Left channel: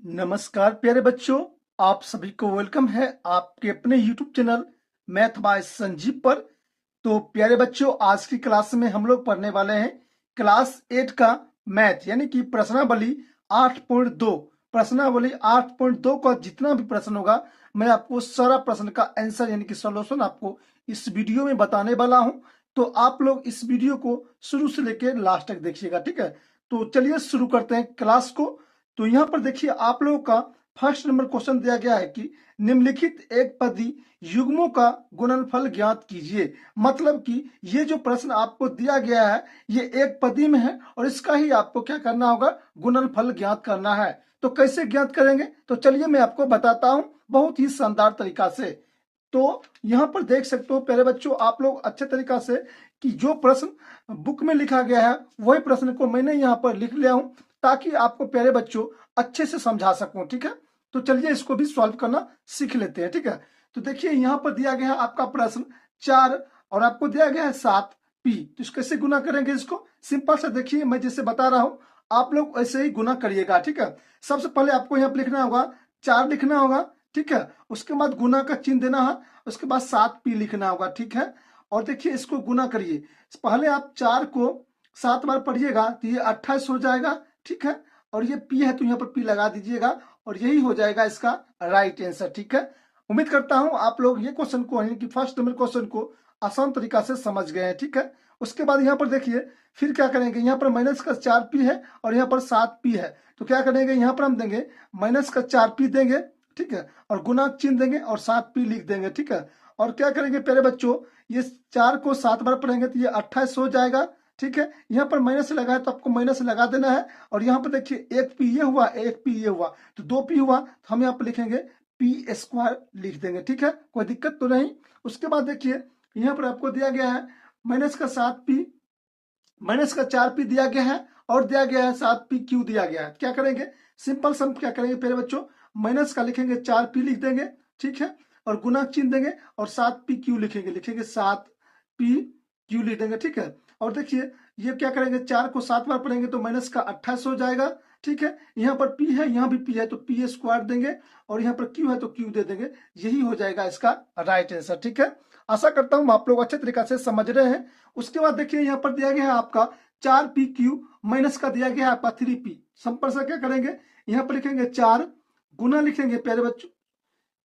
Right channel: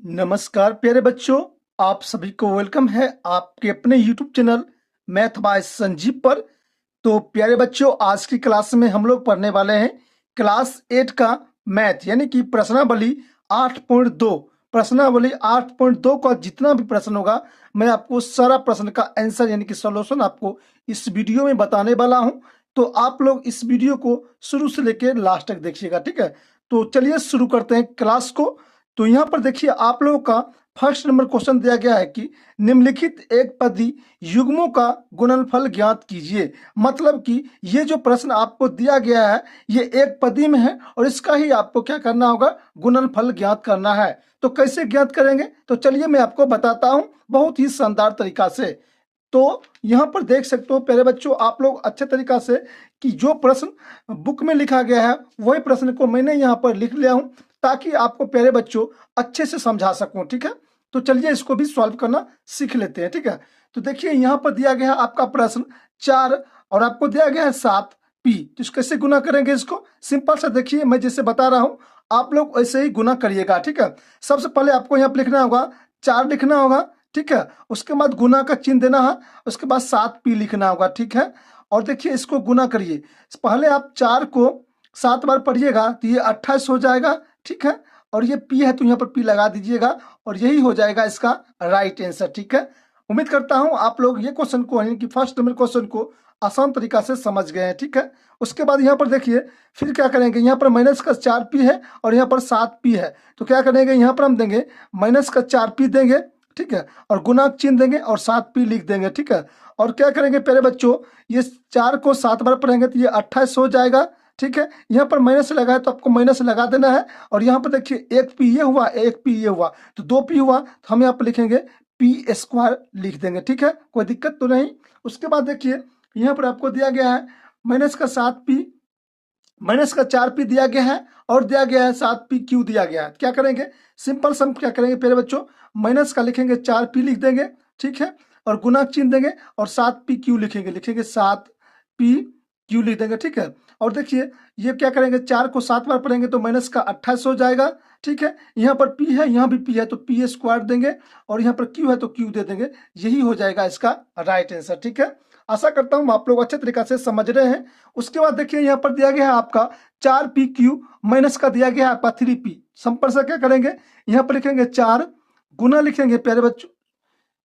नमस्कार प्यारे बच्चों, आप सभी को वेलकम है आपके अपने YouTube channel math bye Sanjeev पर। तो प्यारे बच्चों, आज की क्लास में हम लोग पढ़ने वाले हैं क्लास 8 का मैथ यानी कि प्रश्नावली 8.2। प्रश्नावली 8.2 का जितना भी प्रश्न होगा मैं आपको सारा प्रश्न का आंसर यानी कि सॉल्यूशन आपको इस वीडियो में बताने वाला हूं। तो आप लोग इस वीडियो को शुरू से लेकर लास्ट तक देखिएगा, ठीक है। तो चलिए शुरू करते हैं क्लास को। तो यहाँ पर देखिए आप लोगों का फर्स्ट नंबर क्वेश्चन दिया गया है कि निम्नलिखित एक पदी युग्मों का गुणनफल ज्ञात कीजिए। मतलब कि ये जो प्रश्न आपको दिया गया है ये एक पदी में है और इसका ही आपको क्या करना होगा, गुणनफल ज्ञात करना है। तो कैसे ज्ञात करेंगे, तो चलिए मैं आपको बताता हूं बहुत ही शानदार तरीका से। तो यहाँ पर देख सकते हो प्यारे बच्चों आप लोग अच्छे तरीका से कि जो प्रश्न बुक में लिखा गया है वही प्रश्न को मैंने यहाँ पर लिख लिया हूं ताकि आपको प्यारे बच्चों अच्छे से समझा सकूं, ठीक है। तो चलिए इसको भी सॉल्व करना सीख लेते हैं, ठीक है। तो देखिए यहाँ पर दिया गया है आपका प्रश्न 4 और आपको दिया गया है 7p। तो इसको कैसे गुना करेंगे, इसको सिंपल सा देखिए मैं जैसे बता रहा हूँ आप लोग ऐसे ही गुना करिएगा, ठीक है। सबसे पहले आपको यहाँ पर लिखना होगा 4 लिखना होगा, ठीक है। उसके बाद गुना का चिन्ह देना है, उसके बाद 7p लिखना होगा, ठीक है। और देखिए इसको गुना करिए, पहले आप 4 को 7 बार पढ़िएगा तो ये 28 हो जाएगा, ठीक है। और ये p है तो यहाँ पर p लगा दीजिएगा और यही हो जाएगा इसका राइट आंसर, ठीक है। उम्मीद करता हूं आप लोग ये क्वेश्चन को यानी कि फर्स्ट नंबर क्वेश्चन को आसान तरीका से समझ गए हैं, ठीक है। उसके बाद यहाँ पर देखिए फिर क्या करेंगे, यहाँ पर माइनस का 4p है और यहाँ पर 7p है। तो क्या करेंगे, यहाँ पर हम देंगे माइनस का 4p देंगे, ठीक है, और गुना चिन्ह देंगे और 7p लिख देंगे, ठीक है। और क्या करेंगे प्यारे बच्चों, ये 4 को 7 बार पढ़ेंगे तो ये 28 हो जाएगा, ठीक है। यहाँ पर माइनस लगा है तो आपको माइनस लगा देना है। और यहाँ पर देखिए एक पी ये हुआ एक पी ये हुआ तो 2p हुआ, तो हम यहाँ पर लिखेंगे p² लिख देंगे, ठीक है, कोई दिक्कत तो नहीं। उसके बाद देखिए यहाँ पर आपको दिया गया है माइनस का 7p, माइनस का 4p दिया गया है और दिया गया है 7p दिया गया है। क्या करेंगे, सिंपल सम क्या करेंगे प्यारे बच्चों, माइनस का लिखेंगे 4p लिख देंगे, ठीक है, और गुना चिन्ह देंगे और 7p लिखेंगे, 7p लिख देंगे, ठीक है। और देखिए ये क्या करेंगे, 4 को 7 बार पढ़ेंगे तो माइनस का 28 हो जाएगा, ठीक है। यहाँ पर p है यहाँ भी p है तो p² देंगे और यहाँ पर q है तो q दे देंगे, यही हो जाएगा इसका राइट आंसर, ठीक है। आशा करता हूँ आप लोग अच्छे तरीका से समझ रहे हैं। उसके बाद देखिए यहाँ पर दिया गया है आपका 4pq माइनस का दिया गया है आपका 3p। सिंपल से क्या करेंगे, यहाँ पर लिखेंगे 4 गुना लिखेंगे प्यारे बच्चों,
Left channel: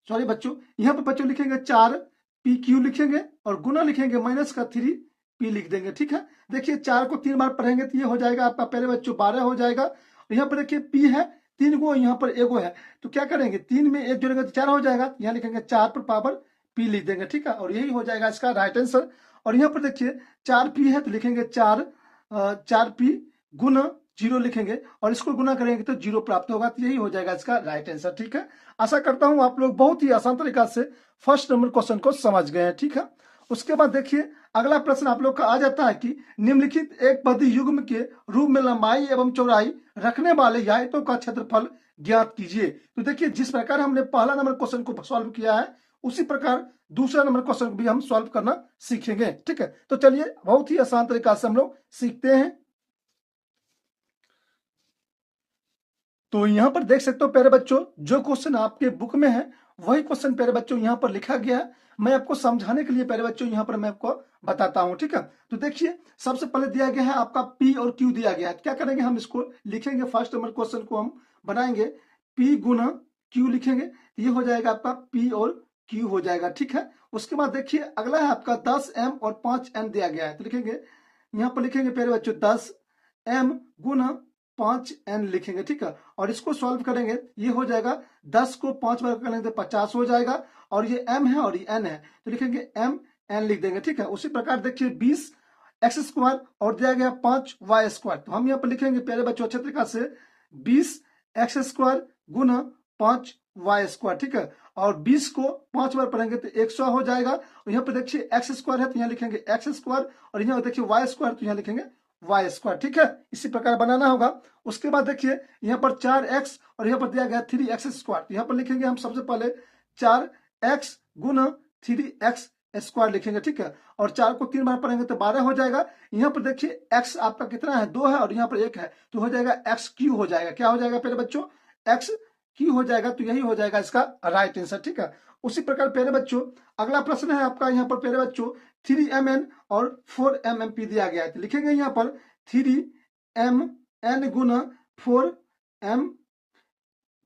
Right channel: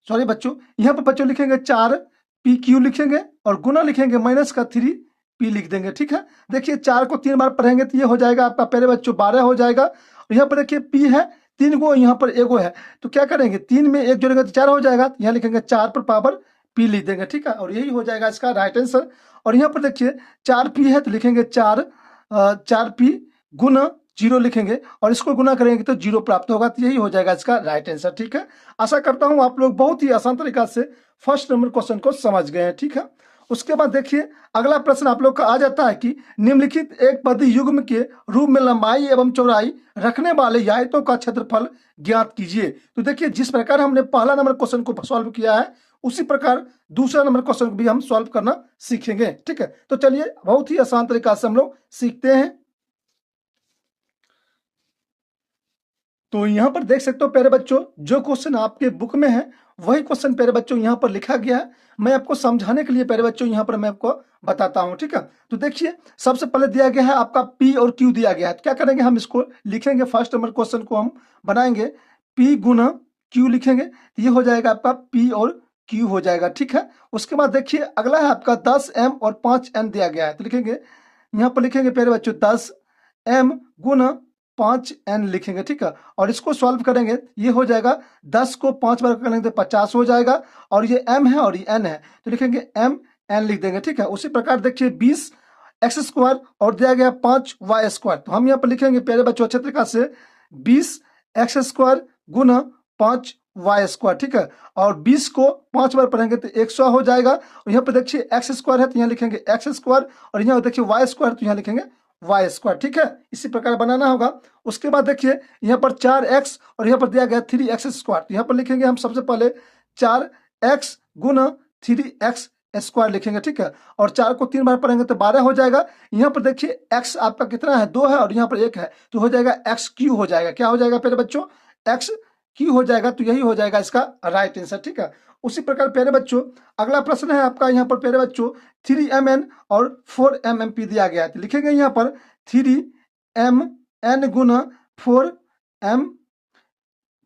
सॉरी बच्चों, यहाँ पर बच्चों लिखेंगे 4pq लिखेंगे और गुना लिखेंगे माइनस का 3p लिख देंगे, ठीक है। देखिए 4 को 3 बार पढ़ेंगे तो ये हो जाएगा आपका प्यारे बच्चों 12 हो जाएगा। और यहाँ पर देखिए p है 3 गो, यहाँ पर एगो है तो क्या करेंगे 3 में 1 जोड़ेंगे तो 4 हो जाएगा, यहाँ लिखेंगे 4 पर पावर p लिख देंगे, ठीक है, और यही हो जाएगा इसका राइट आंसर। और यहाँ पर देखिए 4p है तो लिखेंगे 4p गुना 0 लिखेंगे और इसको गुना करेंगे तो 0 प्राप्त होगा, तो यही हो जाएगा इसका राइट आंसर, ठीक है। आशा करता हूं आप लोग बहुत ही आसान तरीका से फर्स्ट नंबर क्वेश्चन को समझ गए हैं, ठीक है। उसके बाद देखिए अगला प्रश्न आप लोग का आ जाता है कि निम्नलिखित एक पदी युग्म के रूप में लंबाई एवं चौड़ाई रखने वाले आयतों का क्षेत्रफल ज्ञात कीजिए। तो देखिए जिस प्रकार हमने पहला नंबर क्वेश्चन को सॉल्व किया है उसी प्रकार दूसरा नंबर क्वेश्चन को भी हम सॉल्व करना सीखेंगे, ठीक है। तो चलिए बहुत ही आसान तरीका से हम लोग सीखते हैं। तो यहाँ पर देख सकते हो प्यारे बच्चों जो क्वेश्चन आपके बुक में है वही क्वेश्चन प्यारे बच्चों यहाँ पर लिखा गया है। मैं आपको समझाने के लिए प्यारे बच्चों यहाँ पर मैं आपको बताता हूँ, ठीक है। तो देखिए सबसे पहले दिया गया है आपका p और q दिया गया है, तो क्या करेंगे हम इसको लिखेंगे, फर्स्ट नंबर क्वेश्चन को हम बनाएंगे p गुना q लिखेंगे, ये हो जाएगा आपका p और q हो जाएगा, ठीक है। उसके बाद देखिए अगला है आपका 10m और 5n दिया गया है, तो लिखेंगे यहाँ पर लिखेंगे प्यारे बच्चों 10m गुना 5n लिखेंगे, ठीक है। और इसको सॉल्व करेंगे ये हो जाएगा 10 को 5 बार करेंगे तो 50 हो जाएगा और ये m है और ये n है तो लिखेंगे mn लिख देंगे, ठीक है। उसी प्रकार देखिए 20x² और दिया गया 5y², तो हम यहाँ पर लिखेंगे प्यारे बच्चों अच्छे तरीका से 20x² गुना 5y², ठीक है। और 20 को 5 बार पढ़ेंगे तो 100 हो जाएगा और यहाँ पर देखिए x² है तो यहाँ लिखेंगे x² और यहाँ देखिए y² तो यहाँ लिखेंगे y², ठीक है। इसी प्रकार बनाना होगा। उसके बाद देखिए यहाँ पर 4x और यहाँ पर दिया गया 3x², तो यहाँ पर लिखेंगे हम सबसे पहले 4x गुना 3x² लिखेंगे, ठीक है। और 4 को 3 बार पढ़ेंगे तो 12 हो जाएगा। यहाँ पर देखिए x आपका कितना है 2 है और यहाँ पर 1 है तो हो जाएगा x³ हो जाएगा, क्या हो जाएगा पहले बच्चों x³ क्यू हो जाएगा, तो यही हो जाएगा इसका राइट आंसर। ठीक है, उसी प्रकार प्यारे बच्चों अगला प्रश्न है आपका यहाँ पर प्यारे बच्चों 3mn और 4mmp दिया गया है, तो लिखेंगे यहाँ पर 3mn गुना 4mp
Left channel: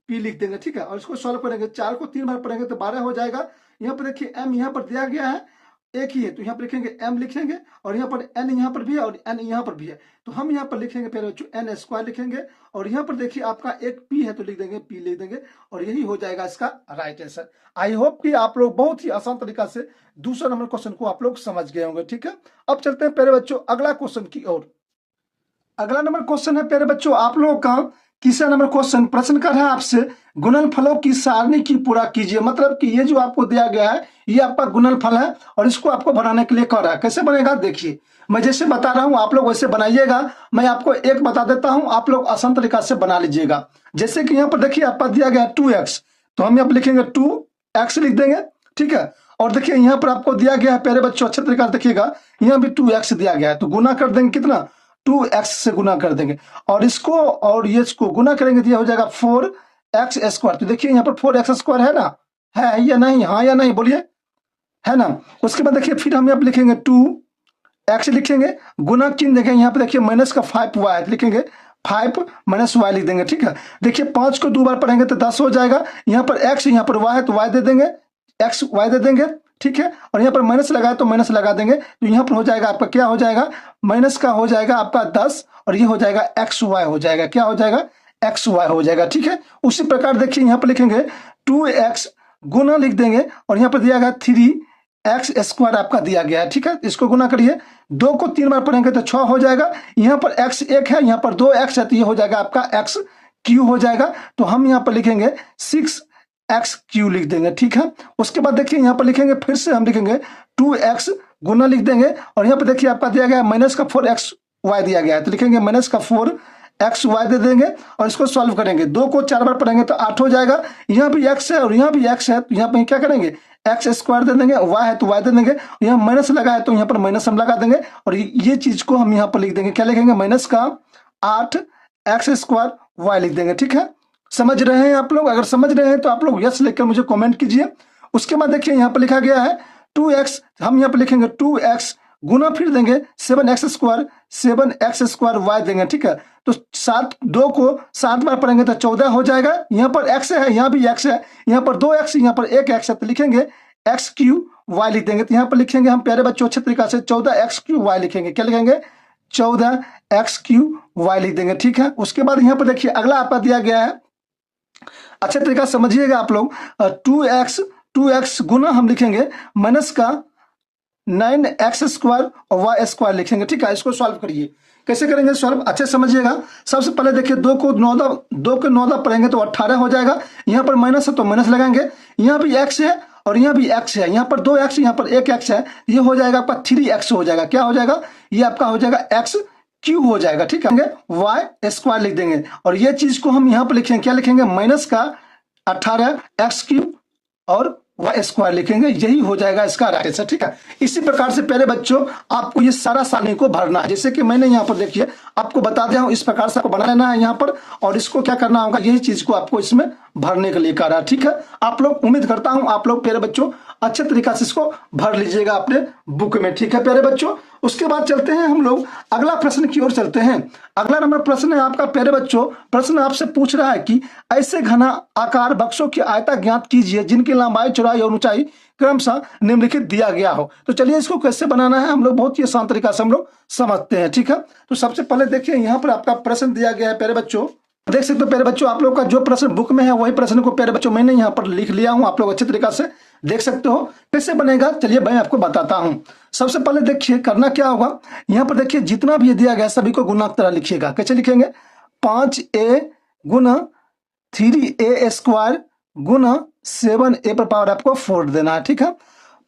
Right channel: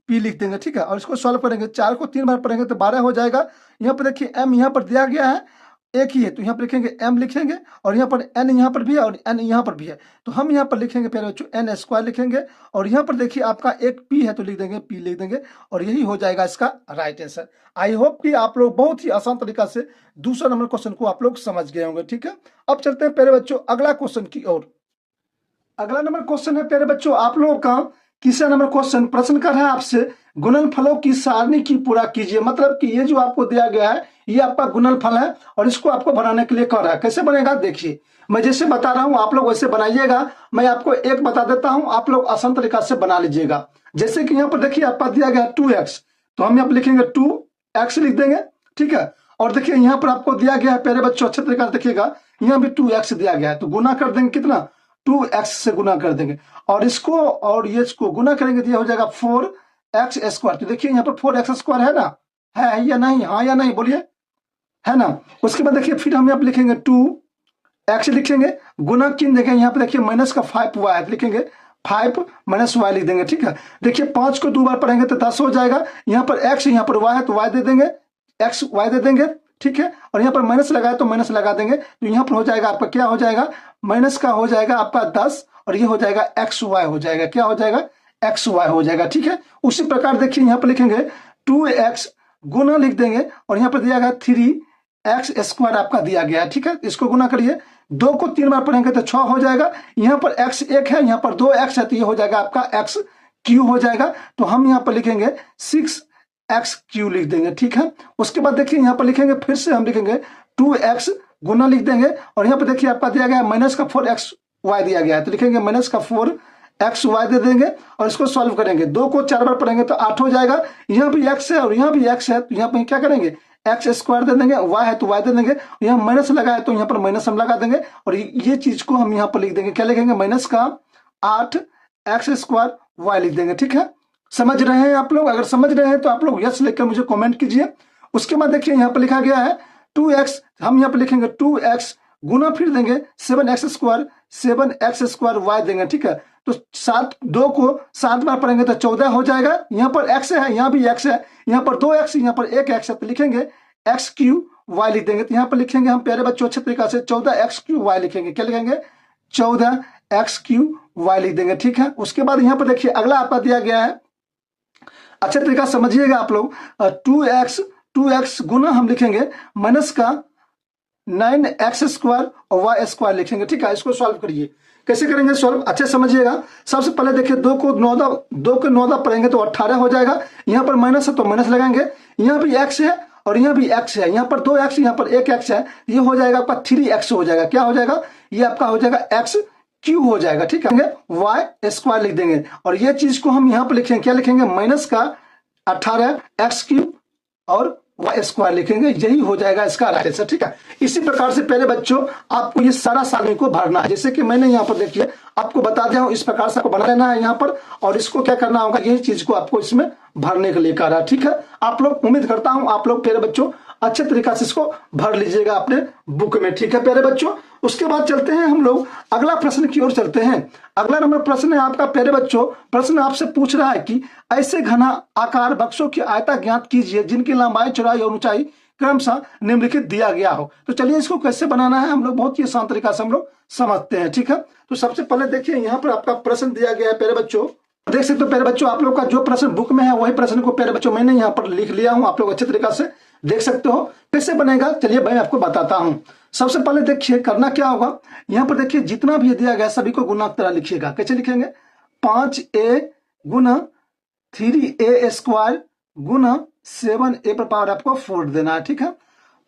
लिख देंगे। ठीक है, और इसको सॉल्व करेंगे, 4 को 3 बार पढ़ेंगे तो 12 हो जाएगा। यहाँ पर देखिए m यहाँ पर दिया गया है, एक ही है, तो यहाँ पर लिखेंगे m लिखेंगे, और यहाँ पर n यहाँ पर भी है और n यहाँ पर भी है, तो हम यहाँ पर लिखेंगे प्यारे बच्चों n स्क्वायर लिखेंगे, और यहाँ पर देखिए आपका एक p है तो लिख देंगे p लिख देंगे, और यही हो जाएगा इसका राइट आंसर। आई होप कि आप लोग बहुत ही आसान तरीका से दूसरा नंबर क्वेश्चन को आप लोग समझ गए होंगे। ठीक है, अब चलते हैं प्यारे बच्चों अगला क्वेश्चन की ओर। अगला नंबर क्वेश्चन है प्यारे बच्चों आप लोगों का तीसरा नंबर क्वेश्चन। प्रश्न कर रहा है आपसे गुणनफलों की सारणी की पूरा कीजिए। मतलब कि ये जो आपको दिया गया है ये आपका गुणनफल है और इसको आपको बनाने के लिए कर रहा है। कैसे बनेगा देखिए, मैं जैसे बता रहा हूं आप लोग वैसे बनाइएगा। मैं आपको एक बता देता हूं, आप लोग आसान तरीका से बना लीजिएगा। जैसे कि यहाँ पर देखिए आपका दिया गया है 2x, तो हम यहाँ पर लिखेंगे 2x लिख देंगे। ठीक है, और देखिए यहाँ पर आपको दिया गया है प्यारे बच्चों अच्छे तरीके से देखिएगा, यहाँ भी 2x दिया गया है, तो गुना कर देंगे कितना 2x से गुना कर देंगे, और इसको और ये इसको गुना करेंगे तो यह हो जाएगा 4x स्क्वायर। तो देखिए यहाँ पर 4x स्क्वायर है ना, है या नहीं, हाँ या नहीं बोलिए, है ना। उसके बाद देखिए फिर हम यहाँ पे लिखेंगे 2x लिखेंगे, गुना किन देंगे, यहाँ पे देखिए माइनस का 5y है, लिखेंगे 5 माइनस y लिख देंगे। ठीक है, देखिए 5 को 2 बार पढ़ेंगे तो 10 हो जाएगा। यहाँ पर x यहाँ पर y है तो y दे देंगे, x y दे देंगे। ठीक है, और यहाँ पर माइनस लगाए तो माइनस लगा देंगे, तो यहाँ पर हो जाएगा आपका क्या हो जाएगा, माइनस का हो जाएगा आपका 10 और ये हो जाएगा एक्स वाई हो जाएगा, क्या हो जाएगा एक्स वाई हो जाएगा। ठीक है, उसी प्रकार देखिए यहाँ पर लिखेंगे 2x गुना लिख देंगे, और यहाँ पर दिया गया 3x स्क्वायर आपका दिया गया है। ठीक है, इसको गुना करिए, 2 को 3 बार पढ़ेंगे तो 6 हो जाएगा। यहाँ पर x 1 है, यहाँ पर 2x है, तो ये हो जाएगा आपका x क्यू हो जाएगा। तो हम यहाँ पर लिखेंगे 6x क्यू लिख देंगे। ठीक है, उसके बाद देखिए यहाँ पर लिखेंगे फिर से हम लिखेंगे 2x गुना लिख देंगे, और यहाँ पे देखिए आपका दिया गया माइनस का 4x y दिया गया है, तो लिखेंगे माइनस का 4x y दे देंगे, और इसको सॉल्व करेंगे, 2 को 4 बार पढ़ेंगे तो 8 हो जाएगा। यहाँ भी x है और यहाँ भी x है, तो यहाँ पे क्या करेंगे एक्स स्क्वायर दे देंगे, y है तो y दे देंगे, यहाँ माइनस लगा है तो यहाँ पर माइनस हम लगा देंगे, और ये चीज को हम यहाँ पर लिख देंगे, क्या लिखेंगे माइनस का 8x स्क्वायर y लिख देंगे। ठीक है, समझ रहे हैं आप लोग? अगर समझ रहे हैं तो आप लोग यस लिखकर मुझे कमेंट कीजिए। उसके बाद देखिए यहाँ पर लिखा गया है 2x, हम यहाँ पे लिखेंगे 2x गुना फिर देंगे 7x स्क्वायर y देंगे। ठीक है, तो 2 को 7 बार पढ़ेंगे तो 14 हो जाएगा। यहाँ पर x है, यहाँ भी x है, यहाँ पर 2x, यहाँ पर 1x है, तो लिखेंगे x क्यू y लिख देंगे। तो यहाँ पर लिखेंगे हम प्यारे बच्चों अच्छे तरीका से 14x क्यू y लिखेंगे, क्या लिखेंगे 14x क्यू y लिख देंगे। ठीक है, उसके बाद यहाँ पर देखिए अगला आपका दिया गया है, अच्छे तरीका समझिएगा आप लोग, 2x गुना हम लिखेंगे माइनस का 9x स्क्वायर और y स्क्वायर लिखेंगे। ठीक है, इसको सॉल्व करिए, कैसे करेंगे सॉल्व अच्छे समझिएगा। सबसे पहले देखिए 2 को 9 पढ़ेंगे तो 18 हो जाएगा। यहाँ पर माइनस है तो माइनस लगाएंगे, यहाँ भी x है और यहाँ भी x है, यहाँ पर 2x, यहाँ पर 1x है, ये हो जाएगा आपका 3x हो जाएगा, क्या हो जाएगा ये आपका हो जाएगा x क्यू हो जाएगा। ठीक है, y स्क्वायर लिख देंगे, और ये चीज को हम यहाँ पर लिखेंगे, क्या लिखेंगे माइनस का 18x क्यू और y स्क्वायर लिखेंगे, यही हो जाएगा इसका राइट आंसर। ठीक है, इसी प्रकार से पहले बच्चों आपको ये सारा सारणी को भरना है, जैसे कि मैंने यहाँ पर देखिए आपको बता दिया हूं, इस प्रकार से आपको बना लेना है यहाँ पर, और इसको क्या करना होगा यही चीज को आपको इसमें भरने के लिए कह रहा है। ठीक है, आप लोग उम्मीद करता हूं आप लोग प्यारे बच्चों अच्छे तरीका से इसको भर लीजिएगा अपने बुक में। ठीक है प्यारे बच्चों, उसके बाद चलते हैं हम लोग अगला प्रश्न की ओर चलते हैं। अगला नंबर प्रश्न है आपका प्यारे बच्चों, प्रश्न आपसे पूछ रहा है कि ऐसे घना आकार बक्सों की आयता ज्ञात कीजिए जिनकी लंबाई चौड़ाई और ऊंचाई क्रमशः निम्नलिखित दिया गया हो। तो चलिए इसको कैसे बनाना है हम लोग बहुत ही आसान तरीका से हम लोग समझते हैं। ठीक है, तो सबसे पहले देखिए यहाँ पर आपका प्रश्न दिया गया है प्यारे बच्चों, देख सकते हो प्यारे बच्चों आप लोग का जो प्रश्न बुक में है वही प्रश्न को प्यारे बच्चों मैंने यहाँ पर लिख लिया हूँ, आप लोग अच्छे तरीका से देख सकते हो। कैसे बनेगा चलिए मैं आपको बताता हूँ। सबसे पहले देखिए करना क्या होगा, यहाँ पर देखिए जितना भी दिया गया सभी को गुना की तरह लिखिएगा। कैसे लिखेंगे 5a गुना 3a स्क्वायर गुना 7a पर पावर आपको 4 देना है। ठीक है,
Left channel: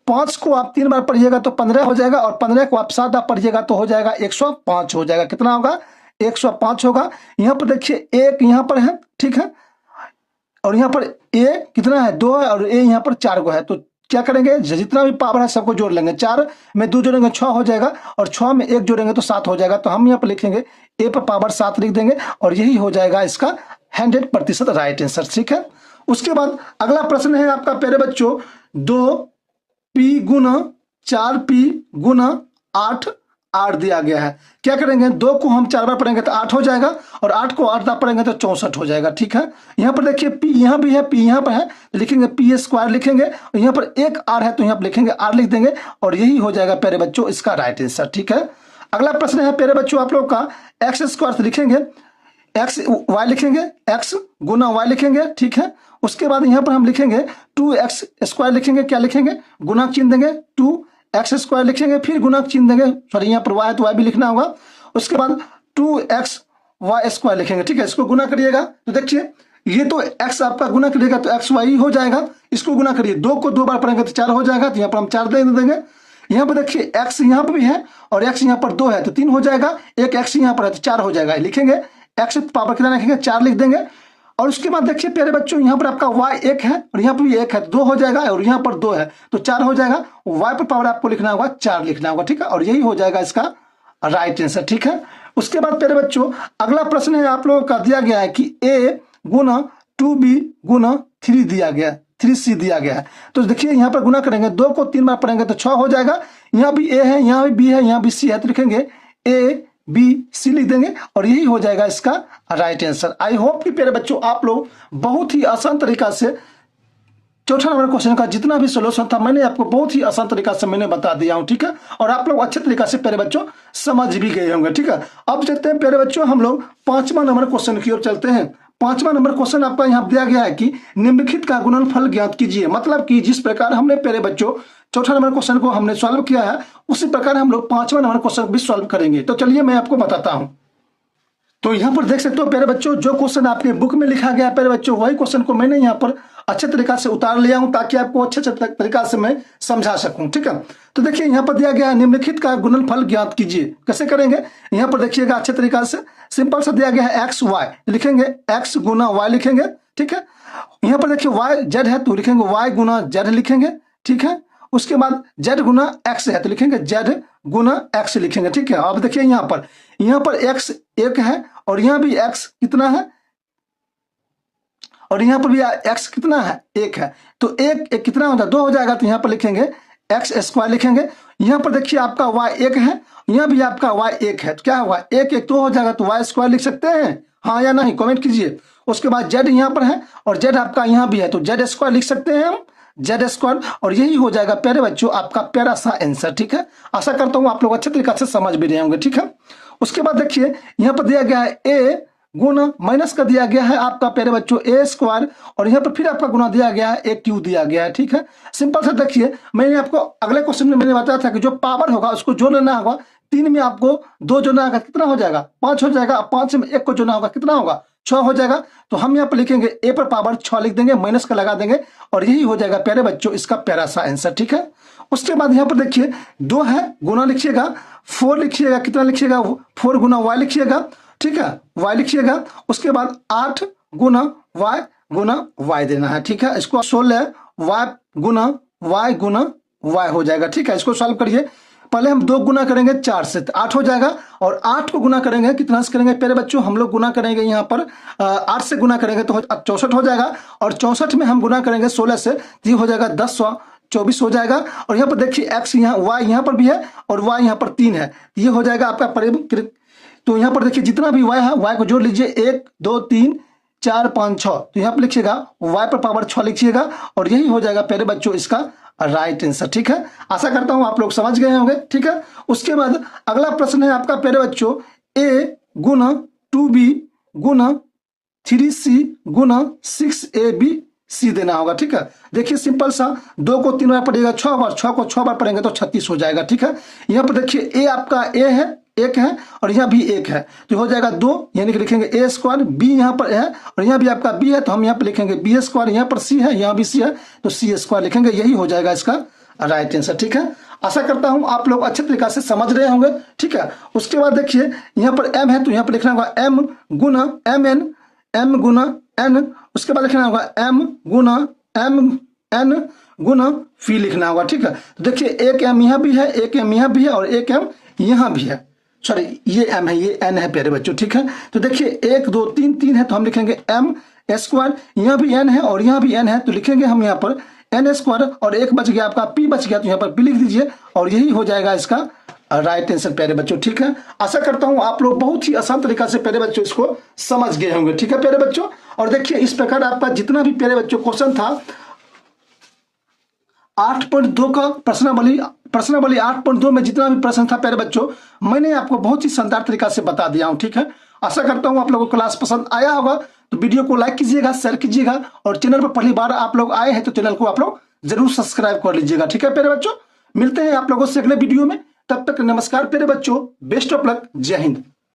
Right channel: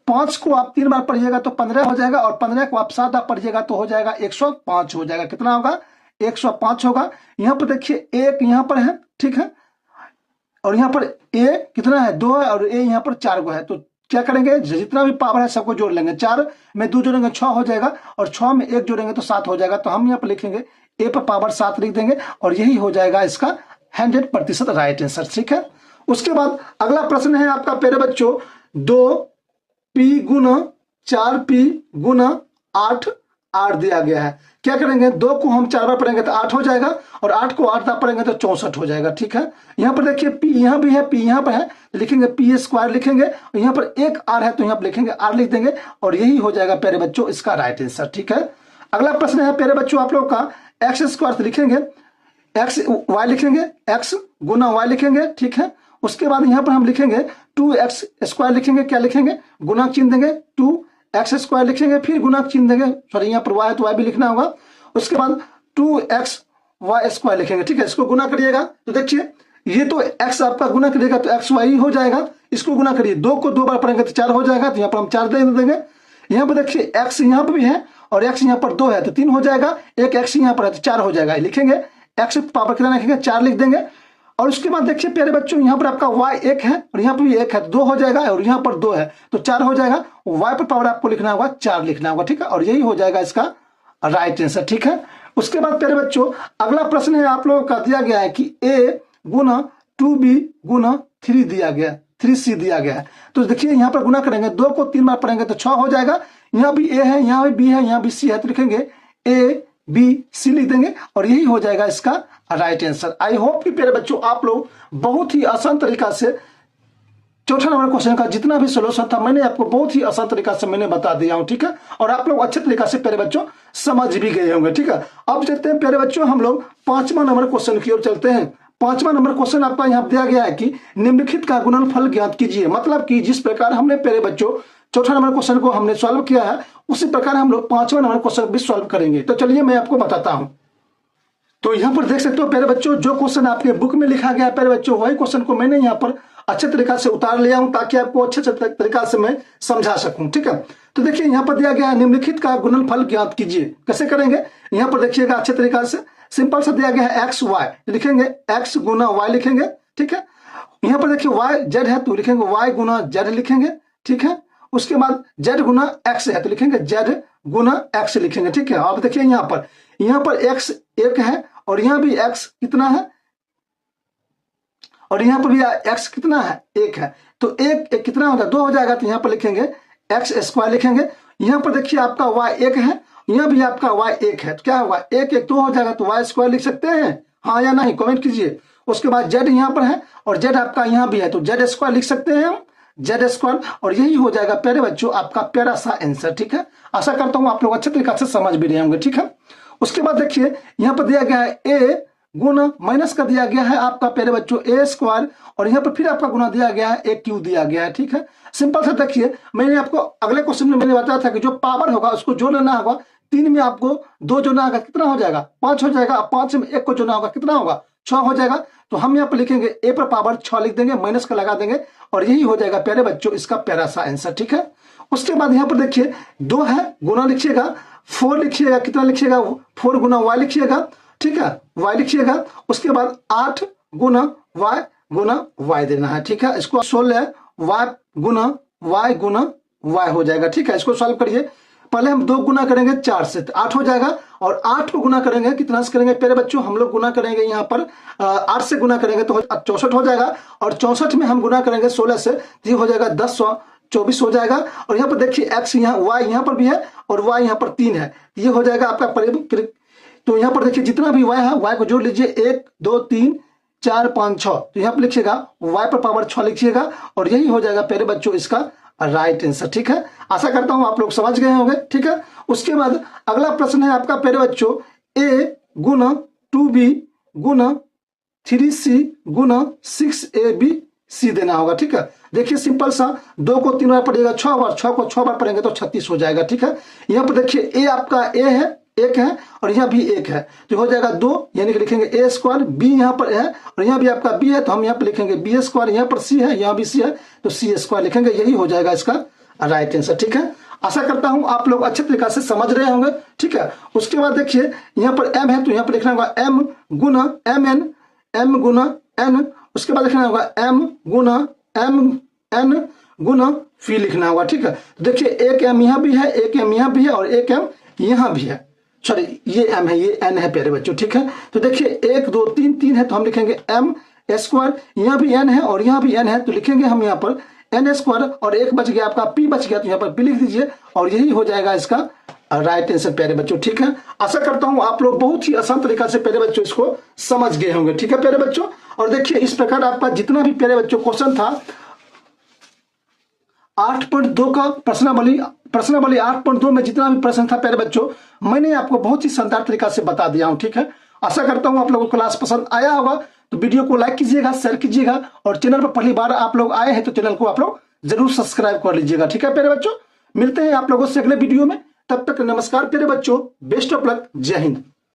5 को आप 3 बार पढ़िएगा तो 15 हो जाएगा, और 15 को आप 7 बार पढ़िएगा तो हो जाएगा 105 हो जाएगा। कितना होगा 105 होगा। यहाँ पर देखिए 1 यहाँ पर है, ठीक है, और यहाँ पर a कितना है 2 है, और a यहाँ पर 4 को है, तो क्या करेंगे जितना भी पावर है सबको जोड़ लेंगे, 4 में 2 जोड़ेंगे 6 हो जाएगा, और 6 में 1 जोड़ेंगे तो 7 हो जाएगा। तो हम यहाँ पर लिखेंगे a पर पावर 7 लिख देंगे, और यही हो जाएगा इसका 100% राइट आंसर। ठीक है, उसके बाद अगला प्रश्न है आपका प्यारे बच्चों, 2p गुना 4p गुना 8 दिया गया है। क्या करेंगे, 2 को हम 4 बार पढ़ेंगे तो 8 हो जाएगा, और 8 को 8 बार पढ़ेंगे तो 64 हो जाएगा। ठीक है, यहाँ पर देखिए p यहाँ भी है, p यहाँ पर है, लिखेंगे p स्क्वायर लिखेंगे, और यहाँ पर एक r है तो यहाँ पर लिखेंगे r लिख देंगे, और यही हो जाएगा प्यारे बच्चों इसका राइट आंसर। ठीक है, अगला प्रश्न है प्यारे बच्चों आप लोग का, एक्स स्क्वायर लिखेंगे, एक्स वाई लिखेंगे, एक्स गुना वाई लिखेंगे। ठीक है, उसके बाद यहाँ पर हम लिखेंगे 2x स्क्वायर लिखेंगे, क्या लिखेंगे, गुना चिन्ह देंगे, 2x स्क्वायर लिखेंगे, फिर गुना चिन्ह देंगे, सॉरी यहाँ पर y है तो y भी लिखना होगा। उसके बाद 2x y स्क्वायर लिखेंगे। ठीक है, इसको गुना करिएगा तो देखिए ये तो x आपका गुना करिएगा तो एक्स वाई हो जाएगा, इसको गुना करिए, 2 को 2 बार पढ़ेंगे तो 4 हो जाएगा, तो यहाँ पर हम 4 दे देंगे। यहाँ पर देखिए x यहाँ पर भी है और x यहाँ पर 2 है तो 3 हो जाएगा, एक x यहाँ पर है तो 4 हो जाएगा, लिखेंगे x पावर कितना लिखेंगे, 4 लिख देंगे। और उसके बाद देखिए प्यारे बच्चों यहाँ पर आपका y 1 है और यहाँ पर भी 1 है, 2 हो जाएगा, और यहाँ पर 2 है तो 4 हो जाएगा, y पर पावर आपको लिखना होगा 4 लिखना होगा। ठीक है, और यही हो जाएगा इसका राइट आंसर। ठीक है, उसके बाद प्यारे बच्चों अगला प्रश्न है आप लोगों का दिया गया है कि a गुना 2b गुना 3 दिया गया, 3c दिया गया है। तो देखिए यहाँ पर गुना करेंगे, 2 को 3 बार पढ़ेंगे तो 6 हो जाएगा, यहाँ भी a है, यहाँ भी b है, यहाँ भी c है, तो लिखेंगे a b c लिख देंगे, और यही हो जाएगा इसका राइट आंसर। आई होप कि प्यारे बच्चों आप लोग बहुत ही आसान तरीका से चौथा नंबर क्वेश्चन का जितना भी सोल्यूशन था मैंने आपको बहुत ही आसान तरीका से मैंने बता दिया हूं। ठीक है, और आप लोग अच्छे तरीका से प्यारे बच्चों समझ भी गए होंगे। ठीक है, अब चलते हैं प्यारे बच्चों हम लोग 5वां नंबर क्वेश्चन की ओर चलते हैं। 5वां नंबर क्वेश्चन आपका यहाँ दिया गया है कि निम्नलिखित का गुणनफल ज्ञात कीजिए। मतलब कि जिस प्रकार हमने प्यारे बच्चों चौथा नंबर क्वेश्चन को हमने सॉल्व किया है उसी प्रकार हम लोग 5वां नंबर क्वेश्चन भी सॉल्व करेंगे। तो चलिए मैं आपको बताता हूं। तो यहाँ पर देख सकते हो प्यारे बच्चों जो क्वेश्चन आपके बुक में लिखा गया प्यारे बच्चों वही क्वेश्चन को मैंने यहाँ पर अच्छे तरीका से उतार लिया हूं ताकि आपको अच्छे तरीका से मैं समझा सकूं। ठीक है, तो देखिए यहाँ पर दिया गया है निम्नलिखित का गुणनफल ज्ञात कीजिए। कैसे करेंगे, यहाँ पर देखिएगा अच्छे तरीका से, सिंपल से दिया गया है एक्स वाई, लिखेंगे x गुना वाई लिखेंगे। ठीक है, यहाँ पर देखिए y z है तो लिखेंगे y गुना z लिखेंगे। ठीक है, उसके बाद z गुना x है तो लिखेंगे z गुना x लिखेंगे। ठीक है, अब देखिए यहाँ पर x 1 है और यहाँ भी x कितना है, और यहाँ पर भी x कितना है, 1 है, तो 1 कितना होता है, 2 हो जाएगा, तो यहाँ पर लिखेंगे x स्क्वायर लिखेंगे। यहाँ पर देखिए आपका y 1 है, यहाँ भी आपका y 1 है, तो क्या होगा 1 1 2 हो जाएगा, तो y स्क्वायर लिख सकते हैं, हाँ या नहीं, कमेंट कीजिए। उसके बाद z यहाँ पर है और z आपका यहाँ भी है तो z स्क्वायर लिख सकते हैं हम, z स्क्वायर, और यही हो जाएगा प्यारे बच्चों आपका प्यारा सा आंसर। ठीक है, आशा करता हूँ आप लोग अच्छे तरीके से समझ भी रहे होंगे। ठीक है, उसके बाद देखिए यहाँ पर दिया गया है a गुना माइनस का दिया गया है आपका प्यारे बच्चों a स्क्वायर, और यहाँ पर फिर आपका गुना दिया गया है a क्यू दिया गया है। ठीक है, सिंपल से देखिए मैंने आपको अगले क्वेश्चन में मैंने बताया था कि जो पावर होगा उसको जोड़ लेना होगा, 3 में आपको 2 जोड़ना होगा, कितना हो जाएगा 5 हो जाएगा, 5 में 1 को जोड़ना होगा, कितना होगा 6 हो जाएगा, तो हम यहाँ पर लिखेंगे a पर पावर 6 लिख देंगे, माइनस का लगा देंगे, और यही हो जाएगा प्यारे बच्चों इसका प्यारा सा आंसर। ठीक है, उसके बाद यहाँ पर देखिए 2 है, गुना लिखिएगा, 4 लिखिएगा, कितना लिखिएगा 4 गुना y लिखिएगा। ठीक है, y लिखिएगा, उसके बाद 8 गुना y देना है। ठीक है, इसको 16 y गुना y हो जाएगा। ठीक है, इसको सॉल्व करिए, पहले हम 2 गुना करेंगे 4 से तो 8 हो जाएगा, और 8 को गुना करेंगे कितना से करेंगे प्यारे बच्चों, हम लोग गुना करेंगे यहाँ पर 8 से गुना करेंगे तो 64 हो जाएगा, और 64 में हम गुना करेंगे 16 से तो ये हो जाएगा 1024 हो जाएगा। और यहाँ पर देखिए x यहाँ y यहाँ पर भी है और y यहाँ पर 3 है, ये हो जाएगा आपका तो यहाँ पर देखिए जितना भी y है y को जोड़ लीजिए, 1 2 3 4 5 6, तो यहाँ पर लिखिएगा y पर पावर 6 लिखिएगा, और यही हो जाएगा प्यारे बच्चों इसका राइट आंसर। ठीक है, आशा करता हूं आप लोग समझ गए होंगे। ठीक है, उसके बाद अगला प्रश्न है आपका प्यारे बच्चों a Guna 2b Guna 3c Guna 6ab c देना होगा। ठीक है, देखिए सिंपल सा, 2 को 3 बार पढ़ेगा 6 बार, 6 को 6 बार पढ़ेंगे तो 36 हो जाएगा। ठीक है, यहाँ पर देखिए a आपका a है, 1 है, और यहाँ भी 1 है, तो हो जाएगा 2, यानी कि लिखेंगे a स्क्वायर, b यहाँ पर है और यहाँ भी आपका b है तो हम यहाँ पर लिखेंगे b स्क्वायर, यहाँ पर c है, यहाँ भी c है तो c स्क्वायर लिखेंगे, यही हो जाएगा इसका राइट आंसर। ठीक है, आशा करता हूं आप लोग अच्छे तरीके से समझ रहे होंगे। ठीक है, उसके बाद देखिए यहाँ पर m है तो यहाँ पर लिखना होगा m गुना mn, m गुना n, उसके बाद लिखना होगा m गुना mn गुना फी लिखना होगा। ठीक है, तो देखिए एक m यहाँ भी है, एक m यहाँ भी है और एक m यहाँ भी है, सॉरी ये m है, ये n है प्यारे बच्चों, ठीक है। तो देखिए 1 2 3 3 है तो हम लिखेंगे m स्क्वायर, यहाँ भी n है और यहाँ भी n है तो लिखेंगे हम यहाँ पर n स्क्वायर, और एक बच गया आपका p बच गया तो यहाँ पर p लिख दीजिए और यही हो जाएगा इसका राइट आंसर प्यारे बच्चों, ठीक है। आशा करता हूं आप लोग बहुत ही आसान तरीका से प्यारे बच्चों इसको समझ गए होंगे, ठीक है प्यारे बच्चों। और देखिए इस प्रकार आपका जितना भी प्यारे बच्चों क्वेश्चन था 8.2 का प्रश्नावली 8.2 में जितना भी प्रश्न था प्यारे बच्चों मैंने आपको बहुत ही शानदार तरीका से बता दिया हूं, ठीक है। आशा करता हूं आप लोगों को क्लास पसंद आया होगा, तो वीडियो को लाइक कीजिएगा, शेयर कीजिएगा और चैनल पर पहली बार आप लोग आए हैं तो चैनल को आप लोग जरूर सब्सक्राइब कर लीजिएगा, ठीक है प्यारे बच्चों। मिलते हैं आप लोगों से अगले वीडियो में, तब तक नमस्कार प्यारे बच्चों, बेस्ट ऑफ लक, जय हिंद।